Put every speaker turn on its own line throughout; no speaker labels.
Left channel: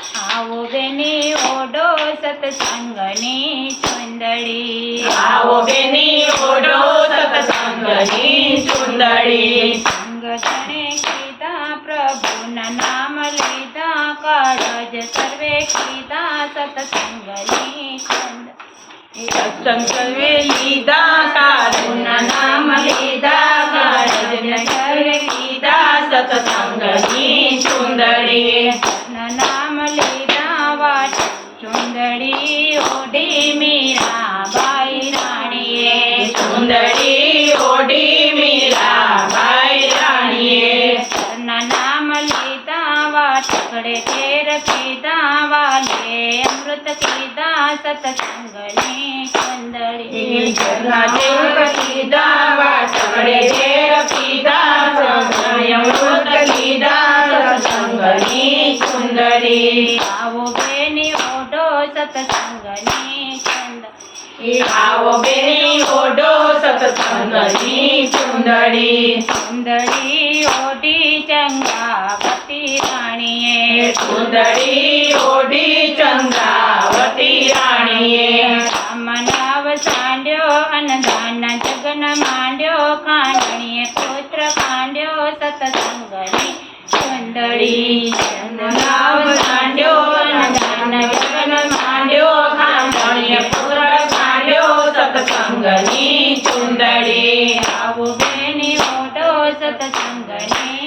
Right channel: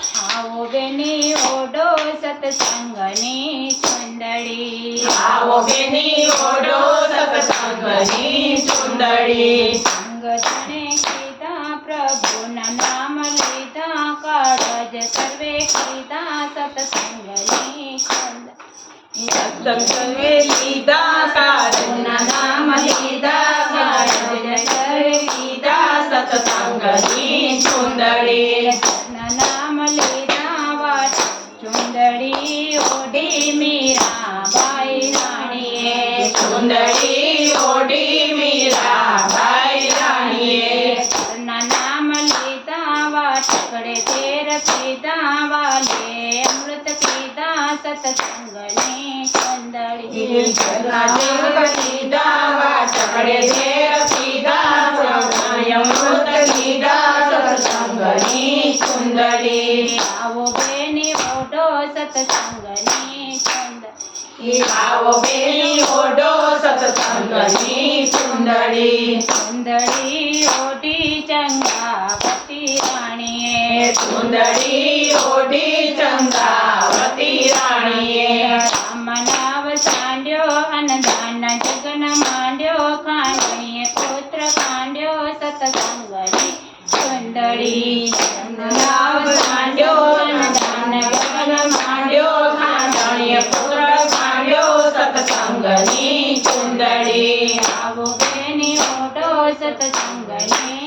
આવો બેની ઓડો સત્સંગની ચુંદડી
આવો બેની ઓઢો સત્સંગની ચુંદડી
સંગ જણે કીધા પ્રભુના નામ લીધા કાળજ સર્વે કીધા સત્સંગની ચુંદડી
સત્સંગે લીધા સાધુના નામ લીધા
વાટકડે તેર પીધા વાલે અમૃત કીધા સત્સંગની
દેવ કીધા વાટકડે ઝેર પીધા સંયમૃત કીધા સત્સંગની ચુંદડી
આવો બેની ઓઢો સત્સંગની ચુંદડી
આવો બેની ઓઢો સત્સંગની ચુંદડી
ચુંદડી ઓઢી ચંગાવતી રાણીએ
ચુંદડી ઓઢી ચંદ્રાવતી રાણીએ.
રામ નાવ સાંડ્યો અનદાન જગન માંડ્યો કાંડણીએ પુત્ર કાંડ્યો સતસંગની ચુંદડી
નાવ સાંડ્યો અનદાન જગન માંડ્યો ખાંડણીએ પુત્ર ખાંડ્યો સત્સંગની ચુંદડી.
આવો બેની ઓઢો સતસંગની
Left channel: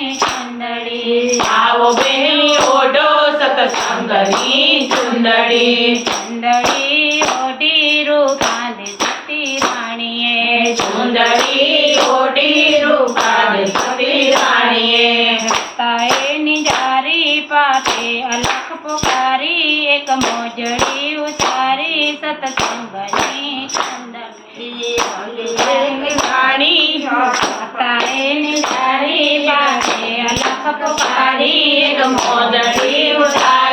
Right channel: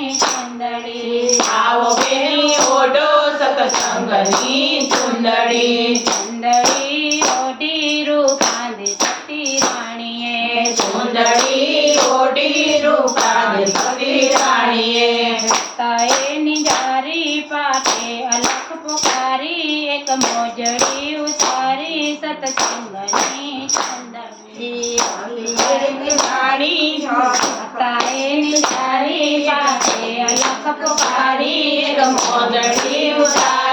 સત્સંગની ચુંદડી
ચુંદડી ઓઢી રૂપાંધી સતી રાણીએ
ચુંદડી ઓઢી રૂપાદ સતી રાણીએ
રસ્તાએ નિજારી પાટે અલખ પુકારી એક મોજડી ઉતારી સતસંગની ચંદડી રસ્તાએ નિજારી પાટે અલખ પુકારી એક
મોજડી ઉતારી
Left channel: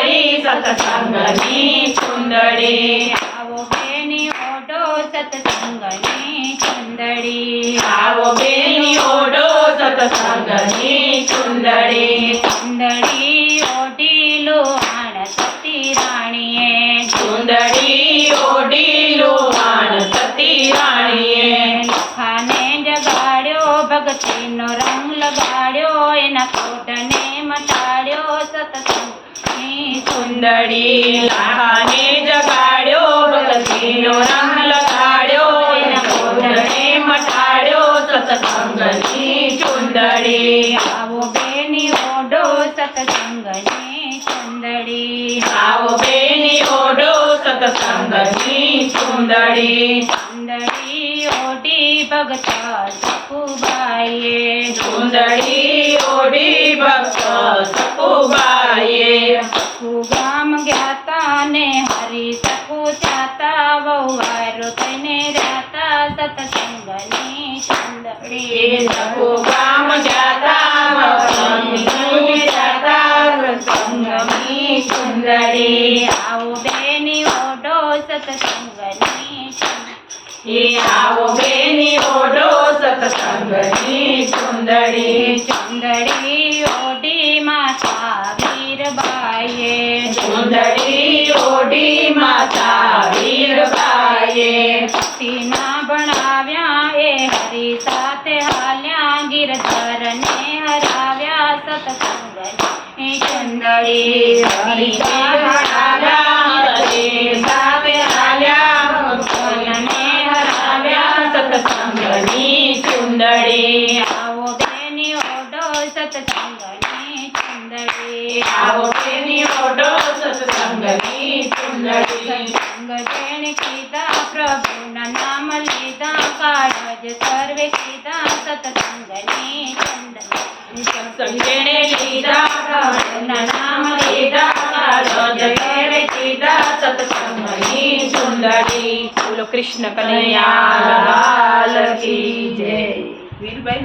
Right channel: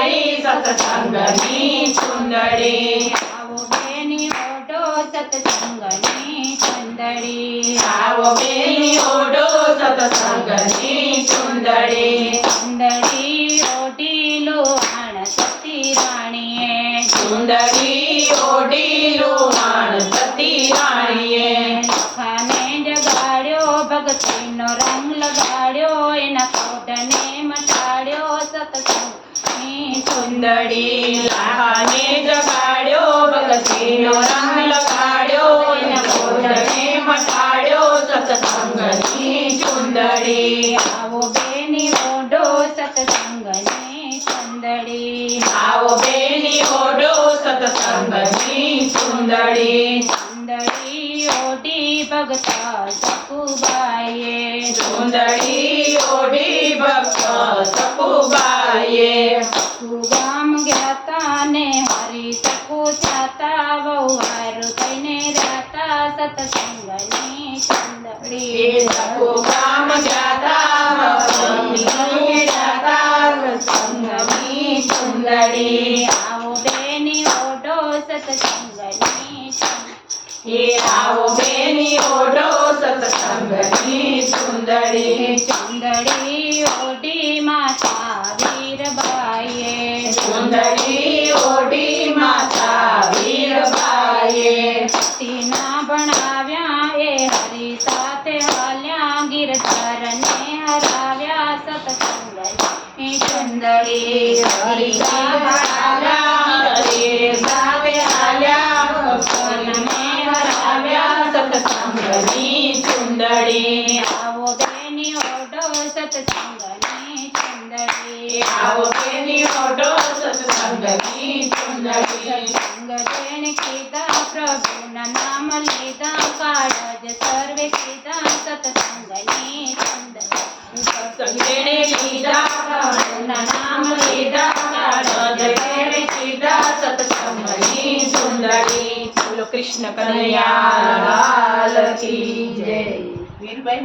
સત્સંગની ચુંદડી
આવો બેની ઓઢો સતસંગની ચંદડી
આવો બેની ઓઢો સત્સંગની ચુંદડી
ચંદડી ઓઢી લોહાણ સતી રાણીએ
ચુંદડી ઓઢી લોહાણ સતી રાણીએ
લખાને જગાડ્યો ભક્તિનો રંગ લગાડ્યો એના કોટને મટાડ્યો સતસંગની
ચુંદડી લાખાને જગાડ્યો ભક્તિનો રંગ લગાડ્યો એના કોટને મટાડ્યો સત્સંગની ચુંદડી
આવો બેની ઓઢો સતસંગની ચંદડી
આવો બેની ઓઢો સત્સંગની ચુંદડી
ચંદડી ઓઢી ભગતા સકુબાઈએ
ચુંદડી
ને હરી સકુ ચાતા વહુવાર કઈને રાતા સતસંગની ચંદડી
સકુ ગામ જાતા વસંતની જાતા સંગની ચુંદડી
આવો બેની ઓઢો સતસંગની ચંદડી
એ આવો બેની ઓઢો धराव्या
सतसंगने चंदळी धराव्या कलमे हराव्या सतसंगनी चुंदळी आवो बेनी ओढो सतसंगनी
चुंदळी आवो बेनी ओढो सतसंगनी चुंदळी नाम लीदा काळज सर्वे सतसंगनी કૃષ્ણ કનૈયા જય. વીરબાઈ